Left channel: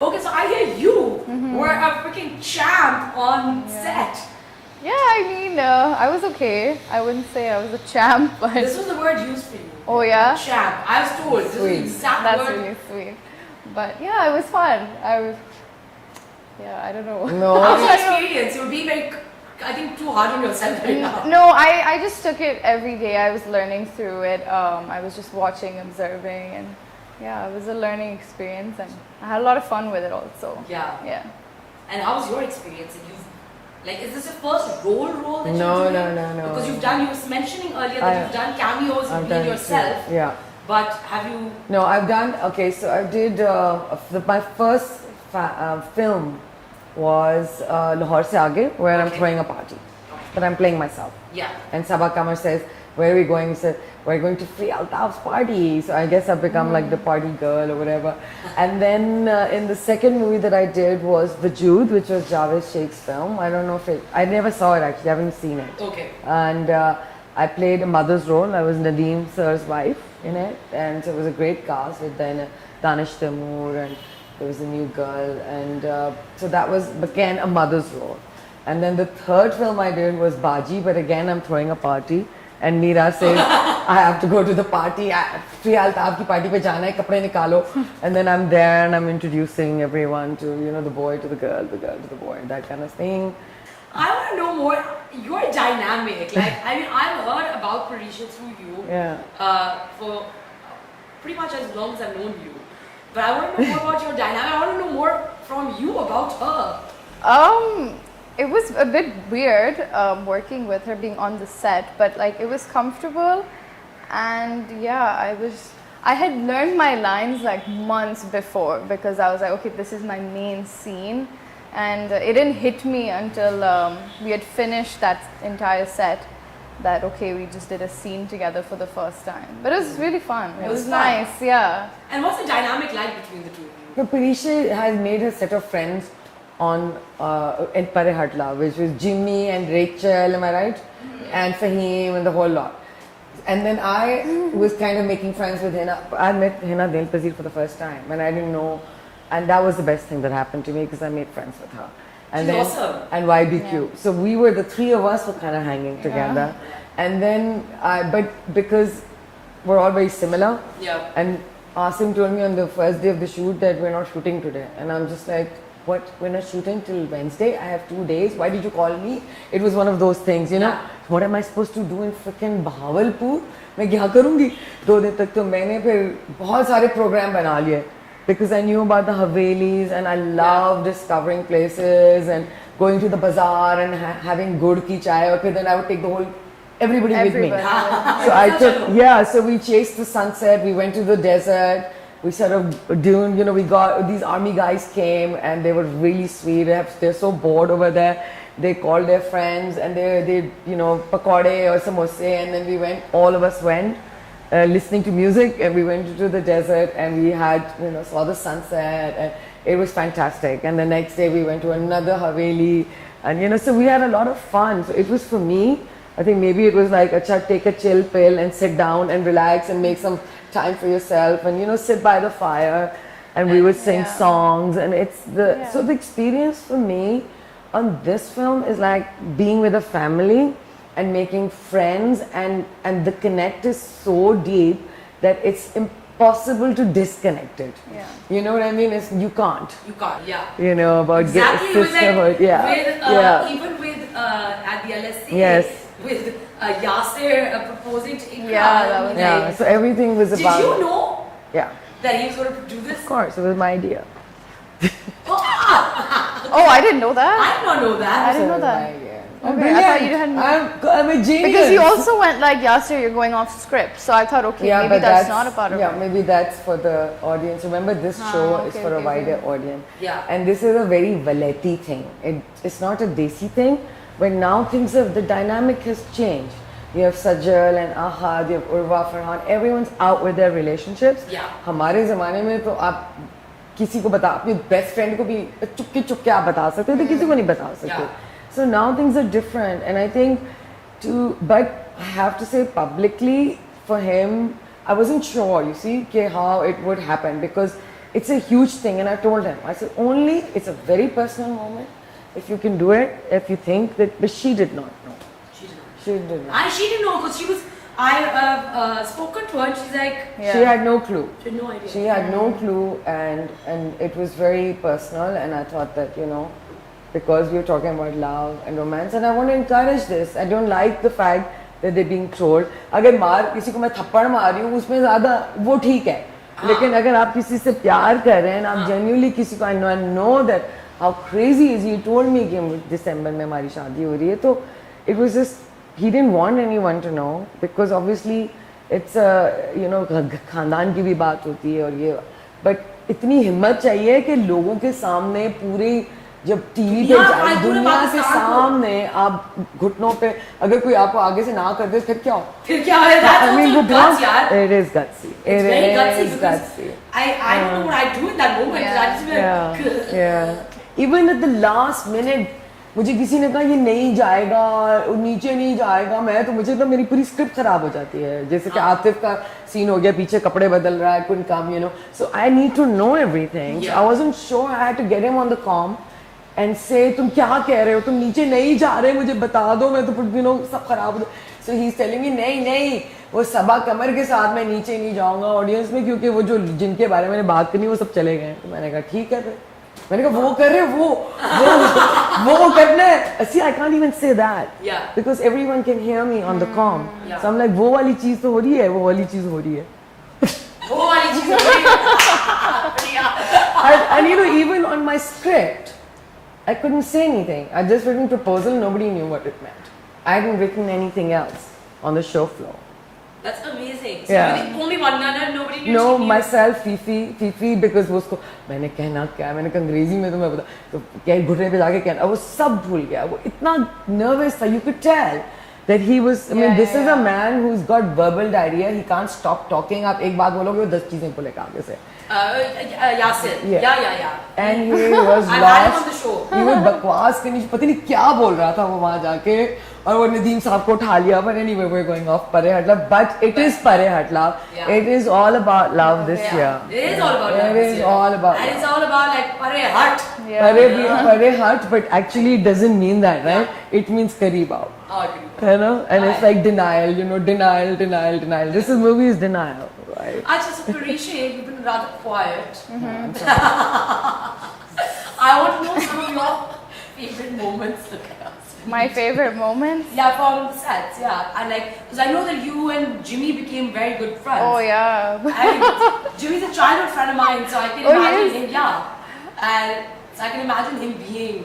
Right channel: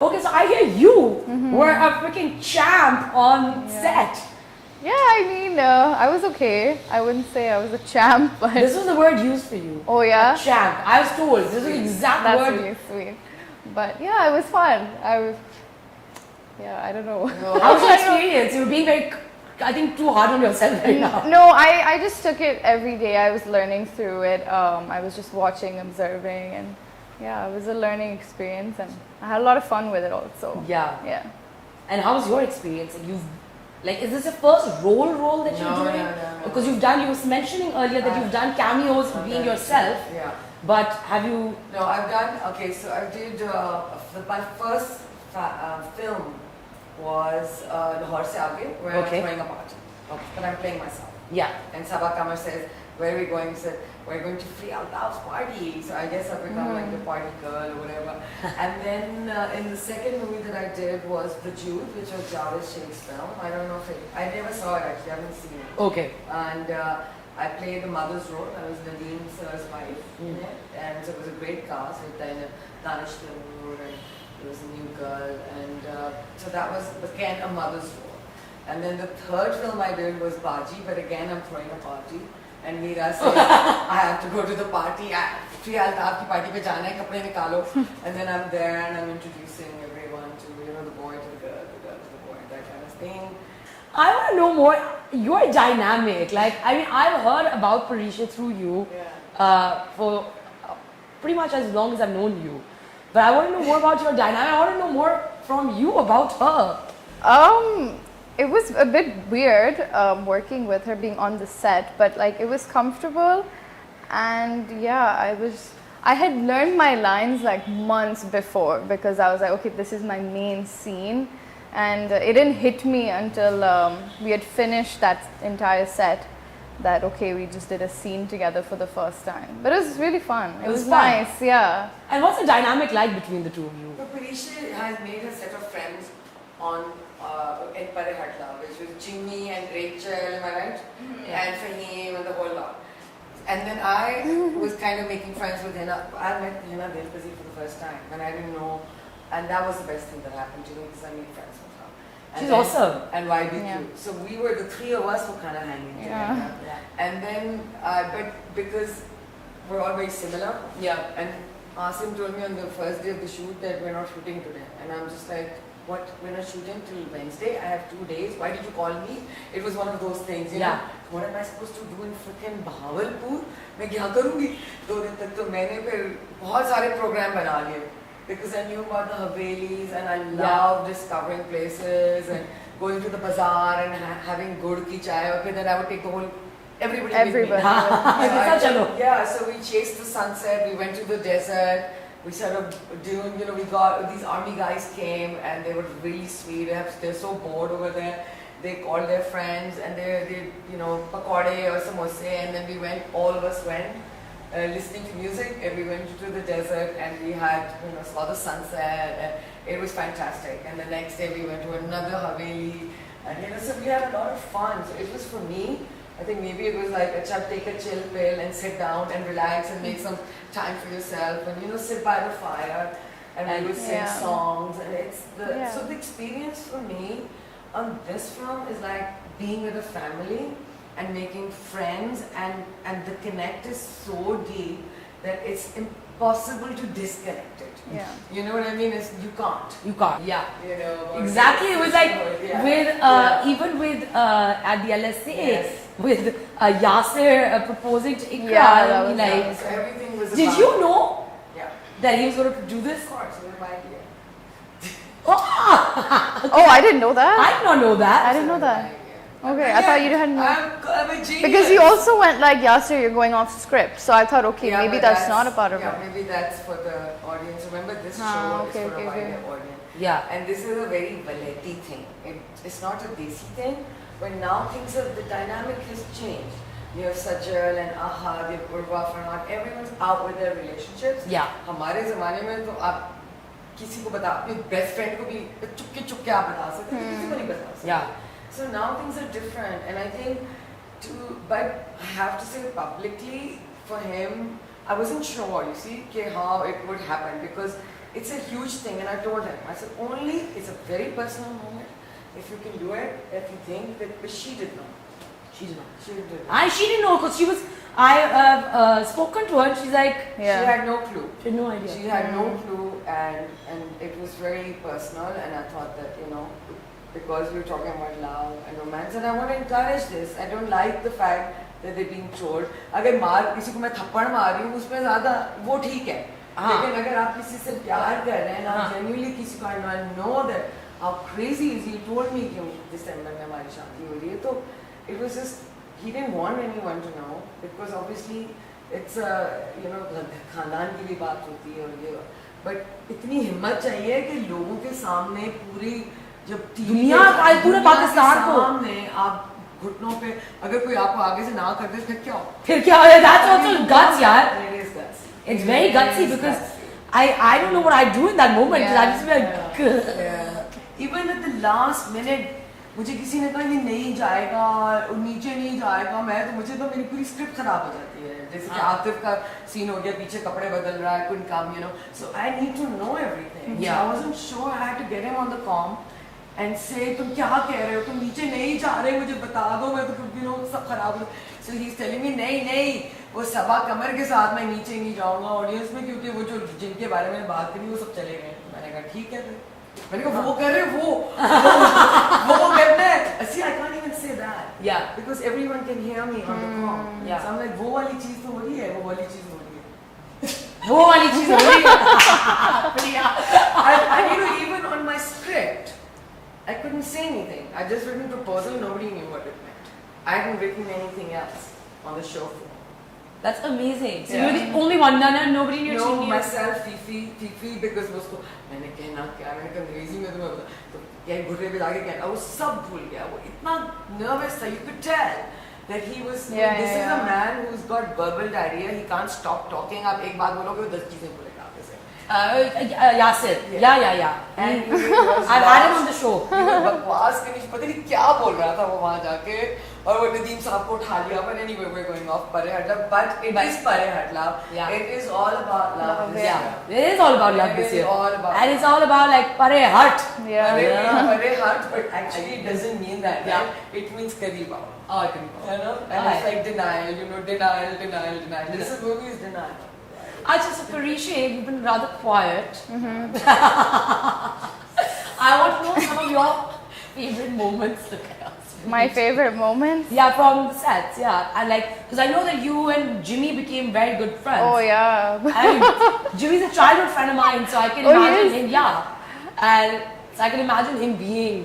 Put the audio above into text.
Okay, so I hear you were a freaking champ on set. Yeah, I mean, I was okay. I wouldn't say I was a champ, but... This was the word used for you. Oh, yeah? A champ. I was told. This is the exact That's word. really sweet. But yeah, it was fun. Yeah, I don't know. No. How was your experience? You were being very, I think, too hard on yourself right now. No, I just took it every day. I was learning through it. I was just watching, observing, and yeah, it was a learning experience, and I had a lot of fun with it also. Yeah. Yeah. And how was your experience? Is this your first role that you're doing? No. Because you were mentioning earlier that you've done cameos being yourself. Yeah. But have you? No, I've done, okay, so I did, my first film was Lahore Se Aage, where I'm throwing a party. But I'm playing myself. Yeah. And Sabah Kamar says, where are we going? He said, we're going to Frieha Altaf's party. So I guess I've become like the party girl or whatever. And then in the second movie that I did was The Jude, which was Javed Sheikh's film. I don't know if I never saw it actually, I haven't seen it. Okay. And I played a mother's role. I was Nadeem Sir's wife in it. And so it was a great cast with then Danish Taimur, and there was a new girl. And so that was again a mother's role. And then the third film I did was Baji, but again I'm throwing a party. And Meera says, I have to go to the party. Frieha Altaf ki party pe jana hai, kapde nikalo. And then I'm there and I'm introducing everyone to, the boy to the girl to the boy, that kind of thing. I want to know more. You're dynamic. I've heard about Parisha through you for pretty much as long as I've known you. But I want to know more about your dynamic. I want to know more from you about her. It was a bit weird working with her, being on the set, but it was comfortable, and yeah, I had learned my lines months before, because I was like, okay, this is my main scene, and it didn't hit me until we had finished that entire set, that okay, we just did a scene together for the first time. But it was really fun. It was nice, yeah. And what's the dynamic like between the two of you? Parisha has made a set of friends on in Pare Hatla, which was Jimmy and Rachel, am I right? And Fahim and the whole lot. And then I was kind of making friends with Hina. I met Hina Dil Pazir for the first time, and I didn't know, and that was the best thing that happened to me, because I made friends with her. And she's awesome. And YBQ. Yeah. So we were, the three of us were kind of hanging together. Yeah. And then, but because we're all very similar, and Asim told me on the first day of the shoot that we're not shooting today. And I'm just like, what? We're not shooting till Wednesday? I have 2 days. Why did you call me? It was one of those things, you know. What am I supposed to do in freaking Bahawalpur? मैं क्या करूँगी? 2 दिन तक तो मैंने फिर बहुत सारे program बना लिए, because I knew about the Havelis and I love discovering places and going to the bazaar and having good ki chai. Okay, then I would take the whole everybody with me. So we chased the sunset. We went to the desert. We sort of doing, we got, these army guys came and they were really sweet. They're so bored over there. They called their friends and they pakode or samosa, and then all of us went listening to music, and we went to the desert and we had, saw the sunset, and it was fantastic. And the next day we went to another Haveli, and so we had a lot of fun. So it was, for me, I think maybe it was like, take a chill pill and sit down and relax and make some time for yourself, and sit by the fire, and we would sing songs, and it's so the experience for me on this film is like being with a family and making friends, and the connect is so deep that it's impossible to disconnect it. Yeah. You know what I mean? You can't. You can't, yeah. About exactly. It was like even with at the LSC, with Yasir proposing to Iqra. Yeah, that was nice. So everything was about... Did you know that he was going to do this? Of course, it was my idea. Oh, I didn't know that. I did not know that. I didn't know that. Okay, I thought you hadn't. I'm a genius. Because you also went like, Yasir, you're going off script. So I thought, okay, maybe that's not a part of it. Yeah, maybe that's for the audience. Remember, this show is for a wider audience. Yeah. And this is a very Valeti thing. It's not a Desi thing. But now the dynamic has changed. You have Sajal and Ahad, you have Urwa, Farhan. Everyone's out with their relationships. Yeah. हमारे ज़माने में तो आप किसी को बता, अपने best friend को भी चुपके आप बता सकते थे, किसी को नहीं बता सकते. So now things are different, and I think but I have to say publicly, for him, I wasn't sure, how it would happen, because it's a huge thing. And I told him, I said, only, it's a very personal moment. If you can do it, if you think that, but she did not know. She did not. She did not. She didn't know because she was, I spoken to her and she's like, she had no clue. She had no idea. She had no clue, and it was very personal, and I thought that, because we're talking about love and romance, and I want to encourage this. I don't like the fact that they're being trolled. अगर मार किसी को मैं थप्पड़ मार रही हूँ उसमें ज़्यादा वो ठीक है, लेकिन अगर आप किसी से प्यार कर रहे हैं, आप genuinely किसी को, I know that how crazy is he. told me कि दिसंबर में हमारी शादी हो रही है, तो it was just, he didn't want anyone to know because obviously it's खानदान की भी बात होती है और ये, but इतनी हिम्मत चाहिए कि लोगों के सामने पूरी जब टीवी पे दुनिया के सामने आप घुटनों पे अगर कोई आपको आगे से ना कर दे फिर क्या हो? That's also guts, यार. It is gutsy. It's very gutsy because I don't know what I do in that moment. I just like even at the last minute मुझे किसी ने कहा ये नहीं जाएगा और नीचे नहीं जाएगा, मुझे तो मेरी पूरी स्क्रिप्ट खराब हो जाती है. जैसे कि आतिफ का सीन हो गया, पीछे कपड़े बदल रहा है, couldn't come, so I need to know everything. I wasn't sure. I had to get him on the comm and say तुम क्या कह रहे हो, तुम नीचे नहीं जा रहे, मुझे बता दो, मैं तो सब खराब हो. So he's telling me नहीं वो सबा कमर के साथ मैं नीचे नहीं जाऊंगा ऑडियंस में, क्योंकि वो जो जिनके बारे में बात करनी वो सब चले गए. मैंने कहा ठीक है, फिर मैंने कहा वो कर रहे वो करना है. See, I can't even say that because everyone can hear me on the comm. So I'm like वो वाली चीज तो हो रही है, वो वाली चीज हो रही है. वो वाली चीज हो रही है. And even on my script I couldn't say anything. I just written proposal, nobody knew what it meant. I hadn't written anything else on the show floor. That's amazing. So you're the only one, nobody knew. No, myself, Fifi, because वो उसको मैंने कहना क्या, मैंने कहा अंग्रेजी में तो मैं बता, तो क्या घुटने पे जाके कहना, वो सब भूल गया, वो इतना nervous था, you could tell that he was. This is a man who's got verbal diarrhea. He can't stop talking. आप एक बात बोलोगे वो 10 चीजें बोलेगा आगे से. Yasir. Yeah. And he was I had him on the show. He was बकवास करनी, पता नहीं क्या बोल रहा था वो वहाँ जाके, और वो नदीम साहब को उठा लिया. But anyway, we're going off Pare Hatla. But it is Pare Hatla. It is all about love this year. It is all about love this year. It is all about. And it's all about like Pare Hat. Pare Hat, but actually it doesn't mean that, right? It means kareeb ao. And it's like denial, denial. This movie is denial. Actually, so Frieha, you've been rather quiet. I want to know some of your favorite moments. My favorite moments? Yeah, from the sets, and because I know that you and Jimmy became very good friends. Oh yeah. And Jimmy's a childhood friend of mine, so I can imagine him. Yeah, and so I can imagine him being